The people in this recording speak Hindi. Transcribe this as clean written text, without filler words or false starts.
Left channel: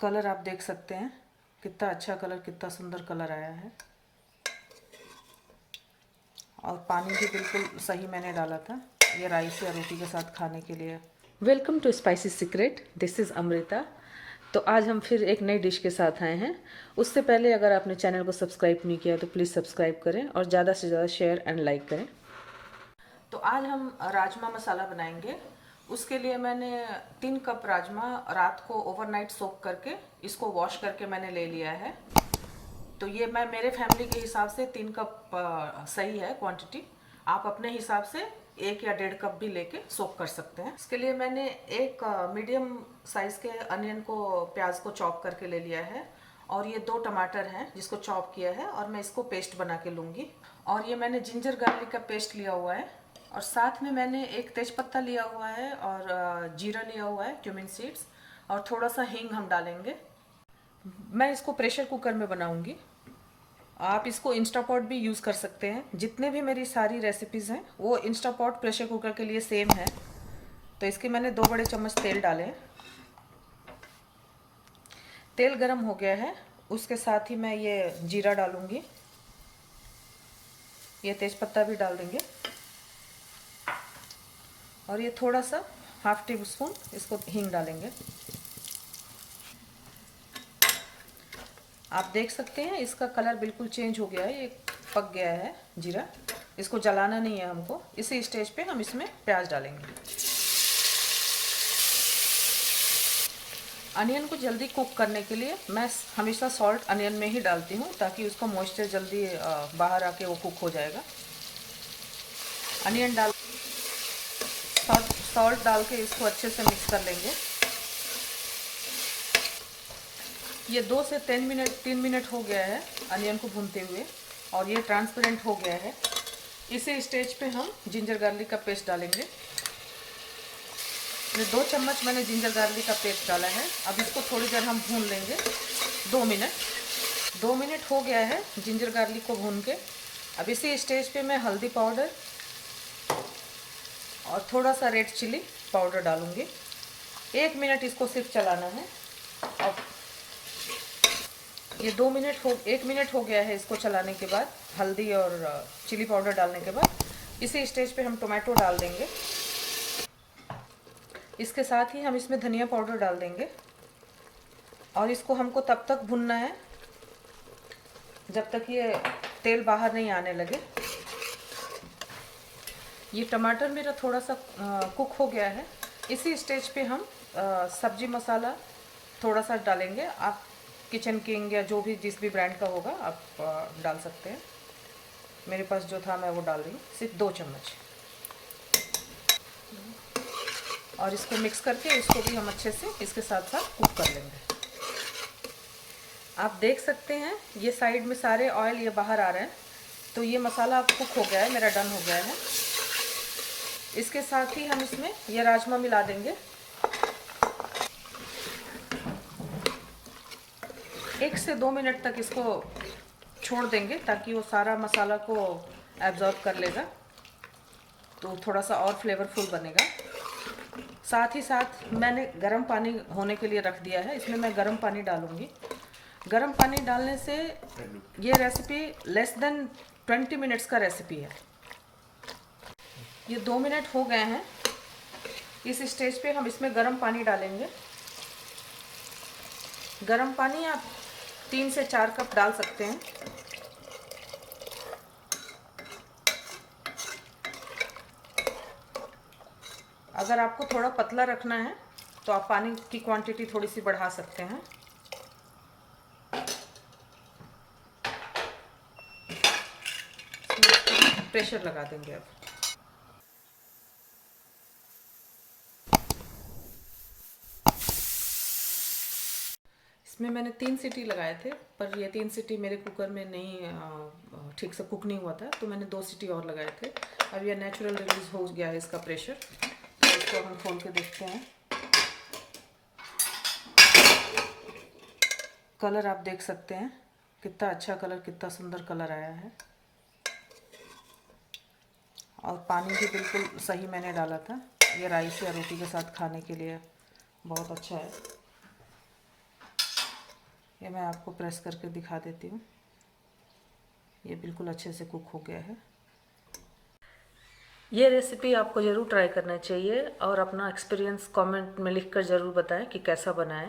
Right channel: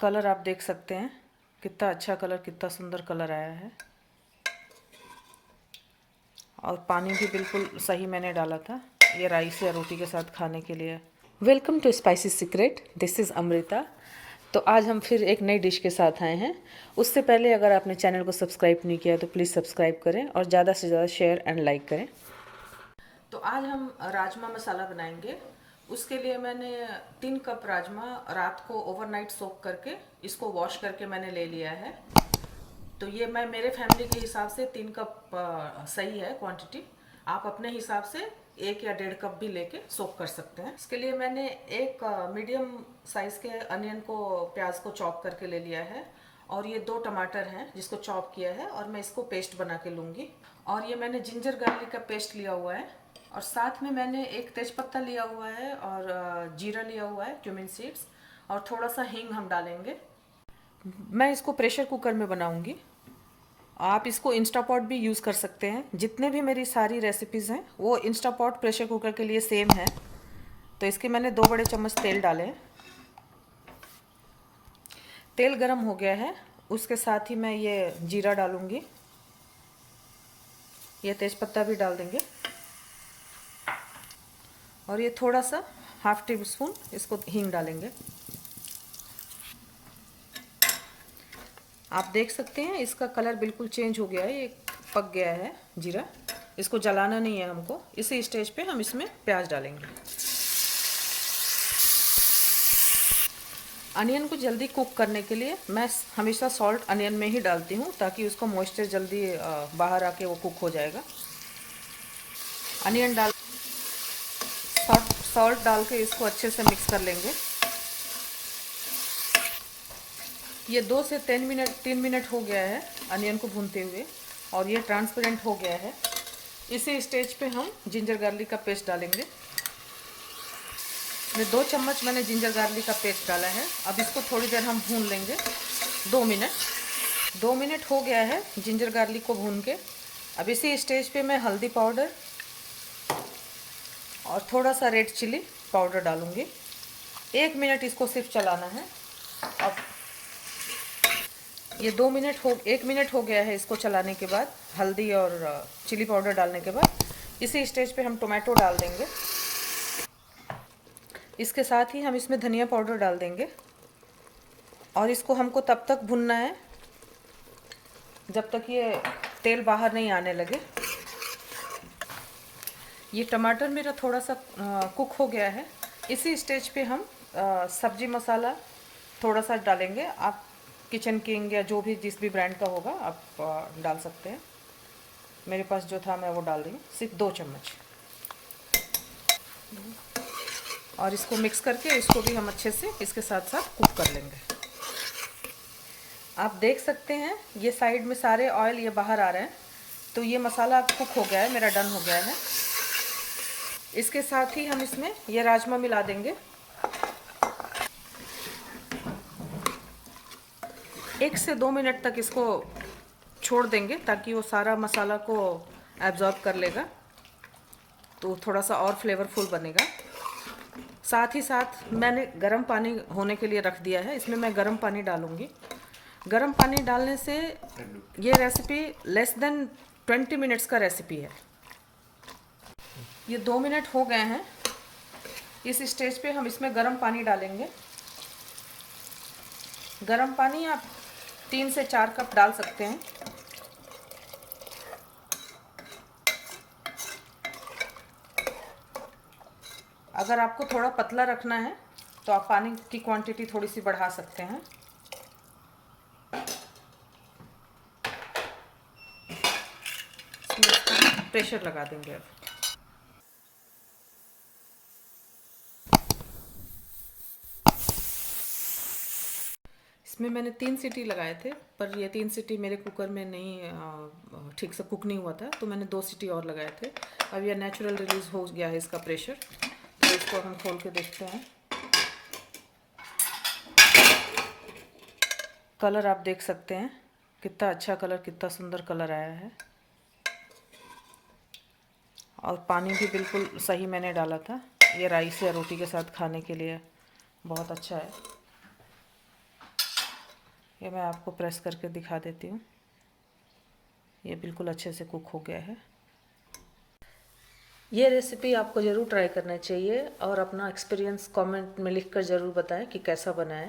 कलर आप देख सकते हैं, कितना अच्छा कलर, कितना सुंदर कलर आया है। और पानी भी बिल्कुल सही मैंने डाला था, ये राइस या रोटी के साथ खाने के लिए। Welcome to spicy secret, this is Amrita. तो आज हम फिर एक नई डिश के साथ आए हैं। उससे पहले अगर आपने चैनल को सब्सक्राइब नहीं किया तो प्लीज़ सब्सक्राइब करें और ज़्यादा से ज़्यादा शेयर एंड लाइक करें। तो आज हम राजमा मसाला बनाएंगे। उसके लिए मैंने 3 कप राजमा रात को ओवरनाइट सोक करके इसको वॉश करके मैंने ले लिया है। तो ये मैं मेरे फैमिली के हिसाब से 3 कप सही है क्वांटिटी। आप अपने हिसाब से 1 या 1.5 कप भी लेके सोक कर सकते हैं। इसके लिए मैंने एक मीडियम साइज़ के अनियन को, प्याज को चॉप करके ले लिया है। और ये 2 टमाटर हैं जिसको चॉप किया है और मैं इसको पेस्ट बना के लूँगी। और ये मैंने जिंजर गार्लिक का पेस्ट लिया हुआ है। और साथ में मैंने एक तेज़पत्ता लिया हुआ है और जीरा लिया हुआ है, क्यूमिन सीड्स, और थोड़ा सा हींग हम डालेंगे। मैं इसको प्रेशर कुकर में बनाऊंगी। आप इसको इंस्टापॉट भी यूज़ कर सकते हैं। जितने भी मेरी सारी रेसिपीज़ हैं वो इंस्टापॉट प्रेशर कुकर के लिए सेम है। तो इसके मैंने 2 बड़े चम्मच तेल डाले हैं। तेल गरम हो गया है, उसके साथ ही मैं ये जीरा डालूंगी, ये तेज़पत्ता भी डाल देंगे और ये थोड़ा सा ½ टी स्पून इसको हींग डालेंगे। आप देख सकते हैं इसका कलर बिल्कुल चेंज हो गया है, ये पक गया है जीरा। इसको जलाना नहीं है हमको। इसी स्टेज पे हम इसमें प्याज डालेंगे। अनियन को जल्दी कुक करने के लिए मैं हमेशा सॉल्ट अनियन में ही डालती हूँ, ताकि उसका मॉइस्चर जल्दी बाहर आके वो कुक हो जाएगा। अनियन डाल सॉल्ट डाल के इसको अच्छे से मिक्स कर लेंगे। ये 2 से 3 मिनट हो गया है अनियन को भूनते हुए और ये ट्रांसपेरेंट हो गया है। इसी स्टेज पे हम जिंजर गार्लिक का पेस्ट डालेंगे। ये 2 चम्मच मैंने जिंजर गार्लिक का पेस्ट डाला है। अब इसको थोड़ी देर हम भून लेंगे, 2 मिनट हो गया है जिंजर गार्लिक को भून के। अब इसी स्टेज पे मैं हल्दी पाउडर और थोड़ा सा रेड चिली पाउडर डालूंगी। 1 मिनट इसको सिर्फ चलाना है। अब ये 1 मिनट हो गया है इसको चलाने के बाद, हल्दी और चिली पाउडर डालने के बाद। इसी स्टेज पे हम टोमेटो डाल देंगे। इसके साथ ही हम इसमें धनिया पाउडर डाल देंगे और इसको हमको तब तक भूनना है जब तक ये तेल बाहर नहीं आने लगे। ये टमाटर मेरा थोड़ा सा कुक हो गया है। इसी स्टेज पे हम सब्जी मसाला थोड़ा सा डालेंगे। आप किचन किंग या जो भी जिस भी ब्रांड का होगा आप डाल सकते हैं। मेरे पास जो था मैं वो डाल रही हूँ, सिर्फ 2 चम्मच। और इसको मिक्स करके इसको भी हम अच्छे से इसके साथ साथ कुक कर लेंगे। आप देख सकते हैं ये साइड में सारे ऑयल ये बाहर आ रहे हैं। तो ये मसाला अब कुक हो गया है, मेरा डन हो गया है। इसके साथ ही हम इसमें ये राजमा मिला देंगे। 1 से 2 मिनट तक इसको छोड़ देंगे ताकि वो सारा मसाला को एब्जॉर्ब कर लेगा, तो थोड़ा सा और फ्लेवरफुल बनेगा। साथ ही साथ मैंने गर्म पानी होने के लिए रख दिया है, इसमें मैं गर्म पानी डालूंगी। गर्म पानी डालने से ये रेसिपी लेस देन 20 मिनट्स का रेसिपी है। ये 2 मिनट हो गए हैं। इस स्टेज पे हम इसमें गर्म पानी डालेंगे। गर्म पानी आप 3 से 4 कप डाल सकते हैं। अगर आपको थोड़ा पतला रखना है तो आप पानी की क्वांटिटी थोड़ी सी बढ़ा सकते हैं। प्रेशर लगा देंगे अब। इसमें मैंने 3 सीटी लगाए थे, पर ये 3 सीटी मेरे कुकर में नहीं ठीक से कुक नहीं हुआ था, तो मैंने 2 सीटी और लगाए थे। अब ये नेचुरल रिलीज हो गया है इसका प्रेशर। तो इसको हम खोल के देखते हैं। कलर आप देख सकते हैं, कितना अच्छा कलर, कितना सुंदर कलर आया है। और पानी भी बिल्कुल सही मैंने डाला था। ये राइस या रोटी के साथ खाने के लिए बहुत अच्छा है। ये मैं आपको प्रेस करके दिखा देती हूँ। ये बिल्कुल अच्छे से कुक हो गया है। ये रेसिपी आपको ज़रूर ट्राई करना चाहिए और अपना एक्सपीरियंस कमेंट में लिखकर ज़रूर बताएं कि कैसा बना है।